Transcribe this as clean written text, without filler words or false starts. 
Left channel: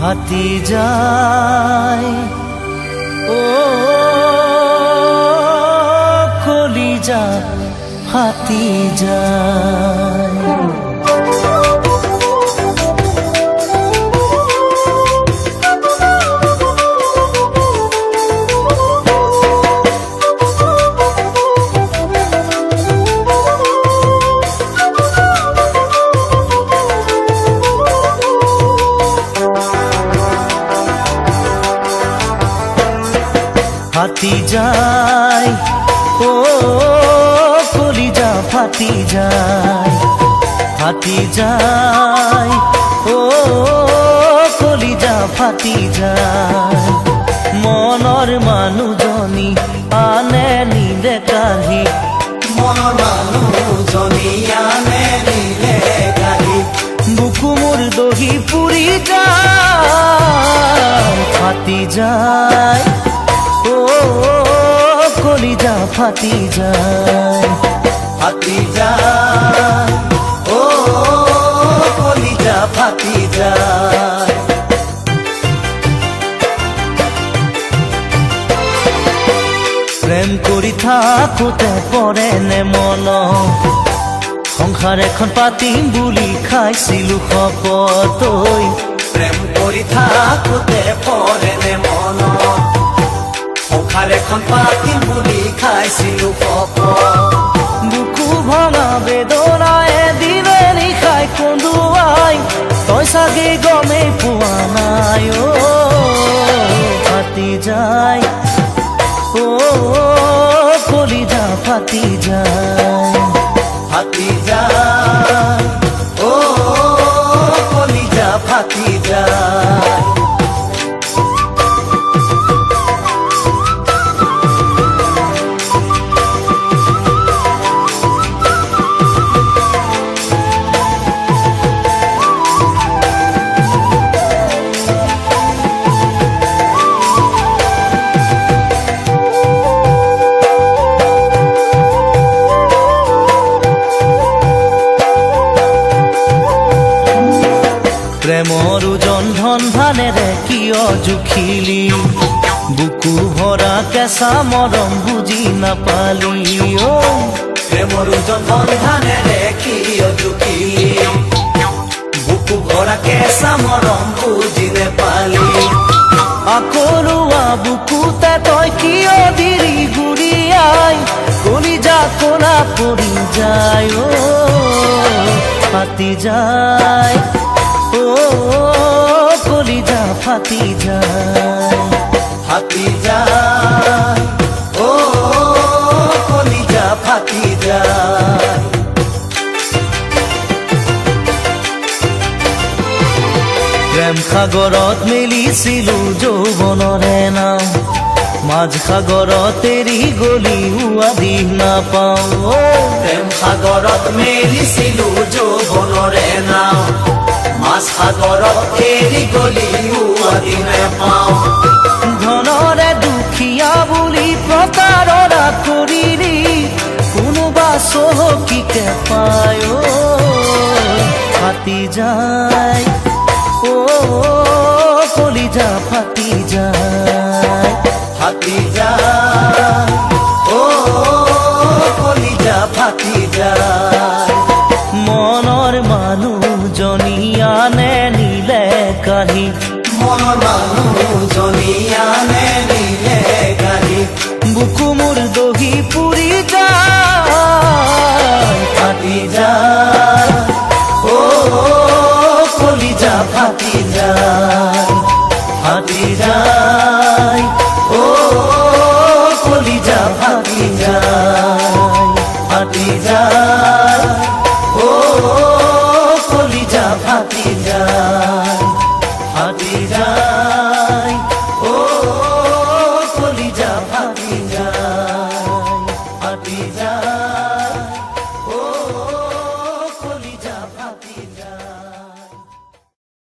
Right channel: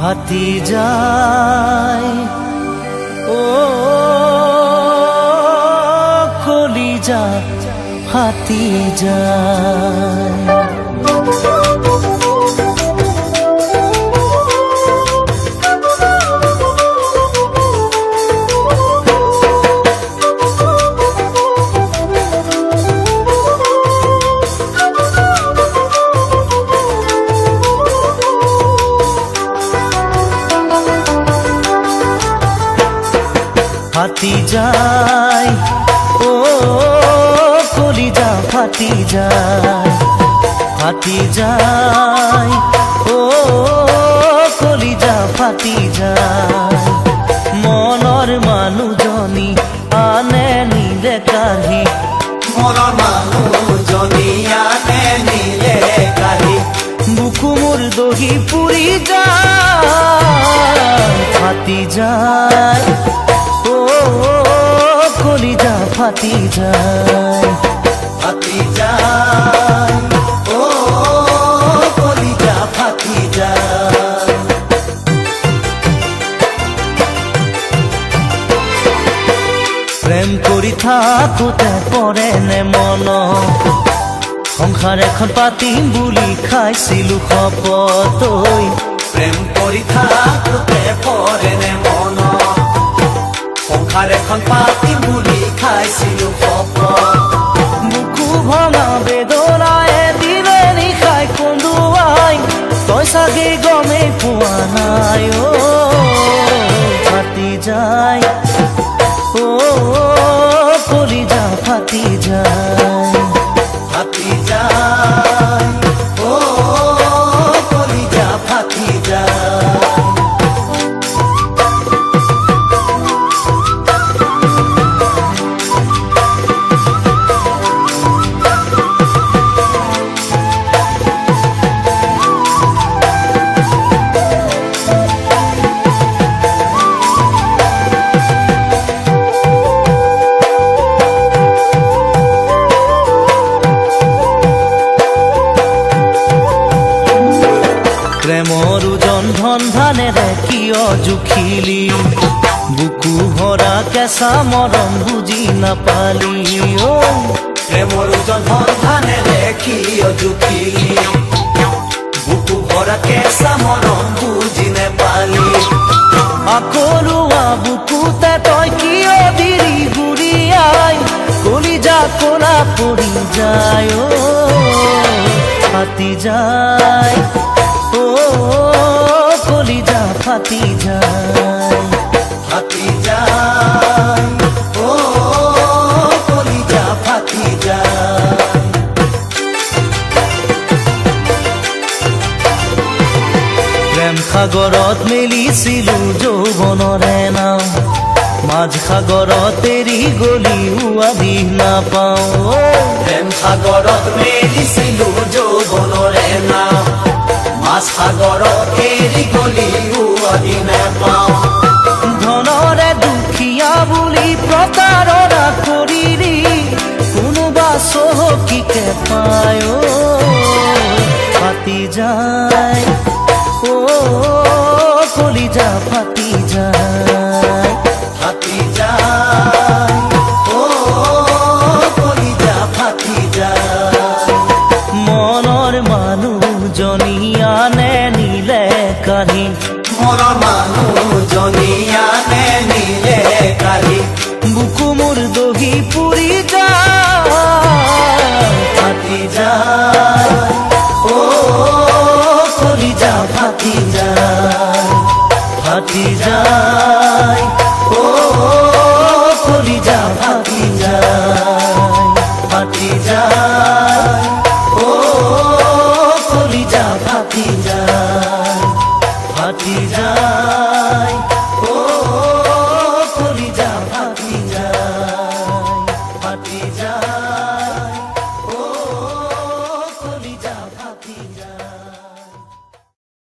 ফাটি যায় ও কলিজা ফাটি যায়। ফাটি যায় ও কলিজা ফাটি যায়, ফাটি যায় ও কলিজা ফাটি যায়। মনৰ মানুহজনী আনে নিলে কাঢ়ি, মনৰ মানুহজনী আনে নিলে কাঢ়ি, বুকু মোৰ দহি পুৰি যায়, ফাটি যায় ও কলিজা ফাটি যায়, ফাটি যায় ও কলিজা ফাটি যায়। প্ৰেম কৰি থাকোতে পৰে নে মন, সংসাৰ এখন পাতিম বুলি খাইছিলো শপত। প্ৰেম কৰি থাকোতে পৰে নে মন, সংসাৰ এখন পাতিম বুলি খাইছিলো শপত। বুকু ভঙা বেদনায়ে দিনে নিশাই কন্দুৱাই, তই চাগে গমেই পোৱা নাই ও ফাটি যায় ও কলিজা ফাটি যায়, ফাটি যায় ও কলিজা ফাটি যায়। প্ৰেমৰ ওজন ধন ধানেৰে কিয় জুখিলি, বুকু ভৰা কেঁচা মৰম বুজি নাপালি ঐ। প্ৰেমৰ ওজন ধন ধানেৰে কিয় জুখিলি, বুকু ভৰা কেঁচা মৰম বুজি নাপালি। আকৰুৱা বুকুতে তই কিয় দিলি গুৰিয়াই, কলিজা কলা পৰি যায় ও ফাটি যায় ও কলিজা ফাটি যায়, ফাটি যায় ও কলিজা ফাটি যায়। প্ৰেম সাগৰত মেলিছিলো যৌৱনৰে নাও, মাঝ সাগৰত এৰি গলি উৱাদি নাপাওঁ। প্ৰেম সাগৰত মেলিছিলো যৌৱনৰে নাও, ধনৰে দুখীয়া বুলি প্ৰতাৰণা কৰিলি, কোনোবা চহকীকে পায় ও ফাটি যায় ও কলিজা ফাটি যায়, ফাটি যায় ও কলিজা ফাটি যায়। মনৰ মানুহজনী আনে নিলে কাঢ়ি, মনৰ মানুহজনী আনে নিলে কাঢ়ি, বুকু মোৰ দহি পুৰি যায়, ফাটি যায় ও কলিজা ফাটি যায়, ফাটি যায় ও কলিজা ফাটি যায়, ফাটি যায় ও কলিজা ফাটি যায়, ফাটি যায়।